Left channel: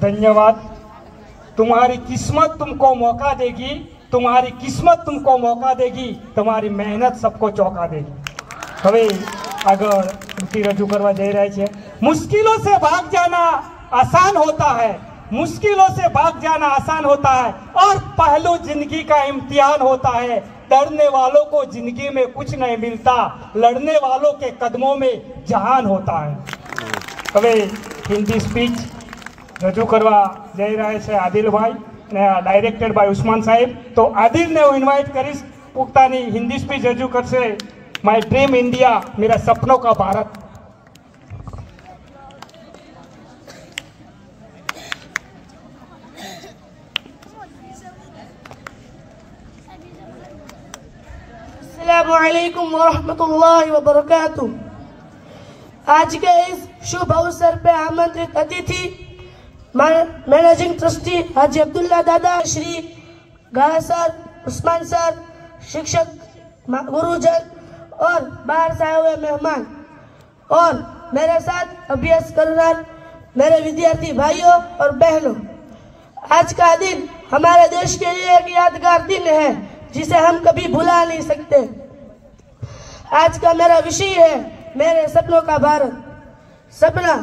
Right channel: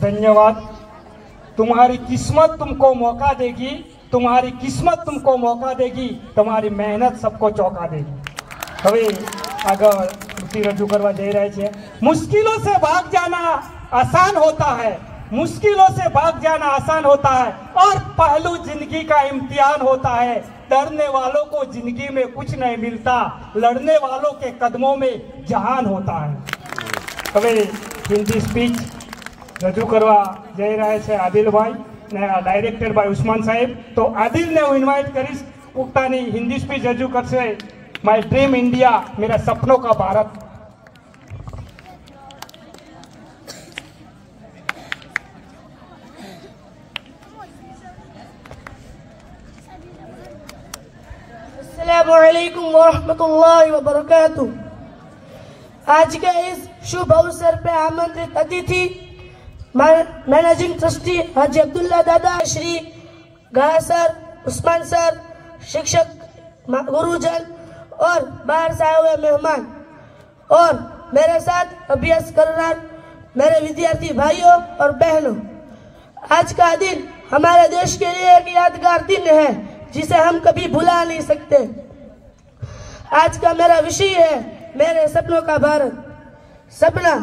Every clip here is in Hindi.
धन्यवाद। तुम्हारी किस्मत तुमको मौका देगी, तुम्हारी किस्मत तुमको मौका देगी, तुम्हारी मेहनत सबको चौंका देगी। હવે આગળ कृति रजू करवा जई रही है। मुश्किलों से भाग जाना आसान होता है, मुश्किलों से भाग जाना आसान होता है और पहलू जिंदगी का इम्तिहान होता है। डरने वालों को जिंदगी में कुछ नहीं मिलता, लड़ने वालों के कदमों में जहान होता है। હવે हिंदी स्पीच रजू करवा जई रहे છે આદિલભાઈ ને ડાયરેક્ટેડ બાય ઉસ્માન સાહેબ। તો આદિલને હું ઇન્વાઇટ કરીશ, પોતાની હિન્દી સ્પીચ રજૂ કરશે। माय ड्रीम इंडिया, मेरा सपनों का भारत। अस्सलामुअलैकुम वरहमतुल्लाहि वबरकातुह। आज के इस शुभ अवसर पे आमंत्रित अतिथि मैनेजिंग ट्रस्टी हाजी अब्दुल्ला दादा, श्री गा सर, उस्मान सर, शिक्षक गुरुजन और बाहर से आए हुए मेहमान और मेरे साथ अभ्यास करना मेरे विद्यार्थी भाइयों और बहनों, आज का दिन हमारे देश के लिए एक यादगार दिन है जिसे हम कभी भुला नहीं सकते। आज का मेरा विषय है मेरे सपनों का भारत। सपना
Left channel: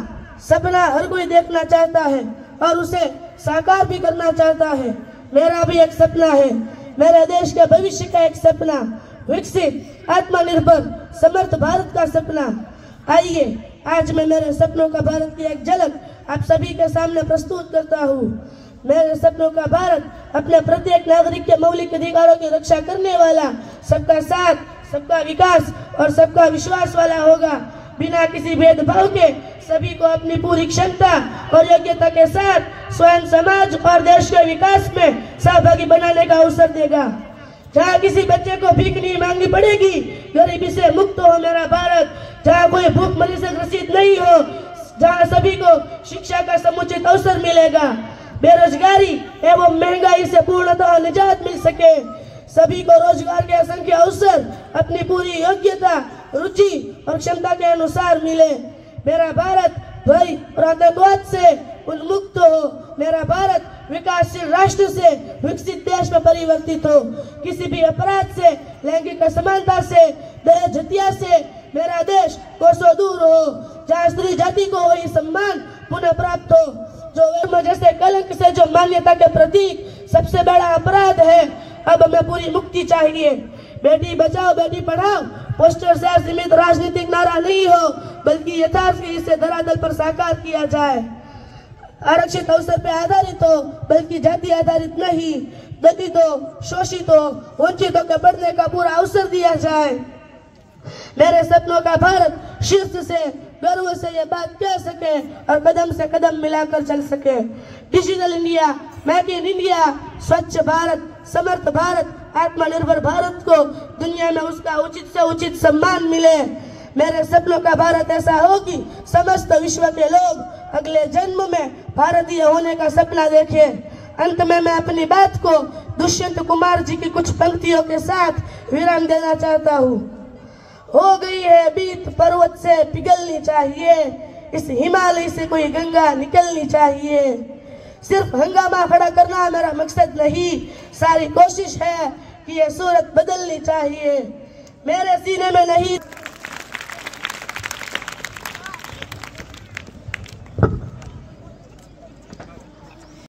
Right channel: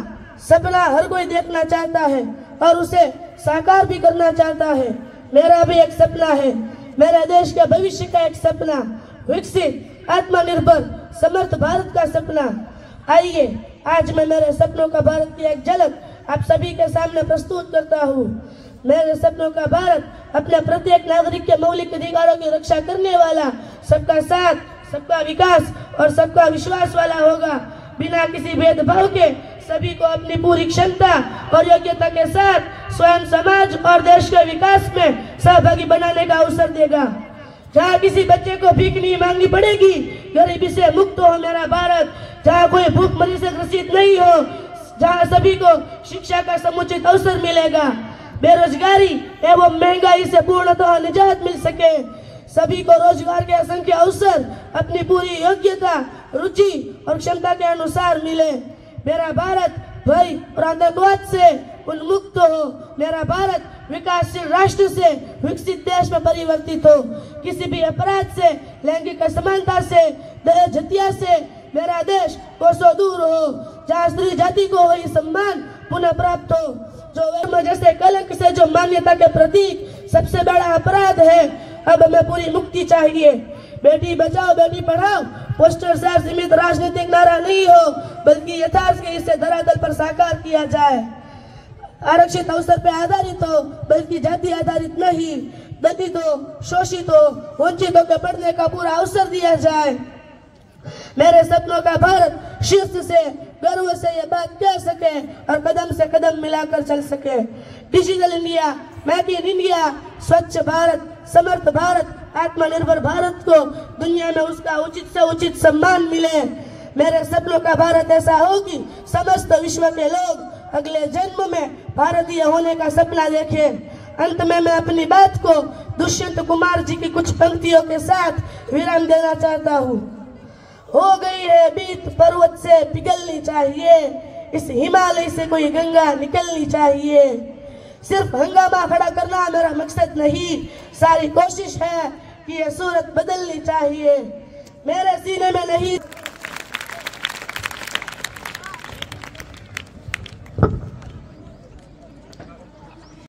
सपना हर कोई देखना चाहता है और उसे साकार भी करना चाहता है। मेरा भी एक सपना है, मेरे देश के भविष्य का एक सपना, विकसित आत्मनिर्भर समर्थ भारत का सपना। आइए आज मैं मेरे सपनों का भारत की एक झलक आप सभी के सामने प्रस्तुत करता हूँ। मेरे सपनों का भारत अपने प्रत्येक नागरिक के मौलिक अधिकारों की रक्षा करने वाला, सबका साथ, सबका विकास और सबका विश्वास वाला होगा। बिना किसी भेदभाव के सभी को अपनी पूरी क्षमता और योग्यता के साथ स्वयं समाज और देश के विकास में सहभागी बनाने का अवसर देगा। जहाँ किसी बच्चे को भीख नहीं मांगनी पड़ेगी, गरीबी से मुक्त हो मेरा भारत। जहाँ कोई भूखमरी से ग्रसित नहीं हो, जहाँ सभी को शिक्षा का समुचित अवसर मिलेगा, बेरोजगारी एवं महंगाई से पूर्णतः निजात मिल सके, सभी को रोजगार के असंख्य अवसर अपनी पूरी योग्यता, रुचि और क्षमता के अनुसार मिले। मेरा भारत भय और आतंकवाद से उन्मुक्त हो, मेरा भारत विकासशील राष्ट्र से विकसित देश में परिवर्तित हो। किसी भी अपराध से, लैंगिक असमानता से, दहेज हत्या से मेरा देश कोसों दूर हो। जहाँ स्त्री जाति को वही सम्मान पुनः प्राप्त हो। जो वर्म जैसे कलंक से जो मान्यता के प्रतीक सबसे बड़ा अपराध है, अब हमें पूरी मुक्ति चाहिए। बेटी बचाओ बेटी पढ़ाओ पोस्टर से सीमित राजनीतिक नारा नहीं हो, बल्कि यथार्थ के इसे धरातल पर साकार किया जाए। आरक्षित अवसर पे आधारित हो, बल्कि जाति आधारित नहीं। दलितों, शोषितों, वंचितों के पढ़ने का पूरा अवसर दिया जाए। मेरे सपनों का भारत शीर्ष से गर्व से ये बात कह सके और कदम से कदम मिलाकर चल सके। Digital India, make in India, स्वच्छ भारत, समर्थ भारत, आत्मनिर्भर भारत को दुनिया में उसका उचित से उचित सम्मान मिले। मेरे सपनों का भारत ऐसा हो कि समस्त विश्व के लोग अगले जन्म में भारतीय होने का सपना देखें। अंत में मैं अपनी बात को दुष्यंत कुमार जी की कुछ पंक्तियों के साथ विराम देना चाहता हूँ। हो गई है बीत पर्वत से पिघलनी चाहिए, इस हिमालय से कोई गंगा निकलनी चाहिए। सिर्फ हंगामा खड़ा करना मेरा मकसद नहीं, सारी कोशिश है कि ये सूरत बदलनी चाहिए। मेरे सीने में नहीं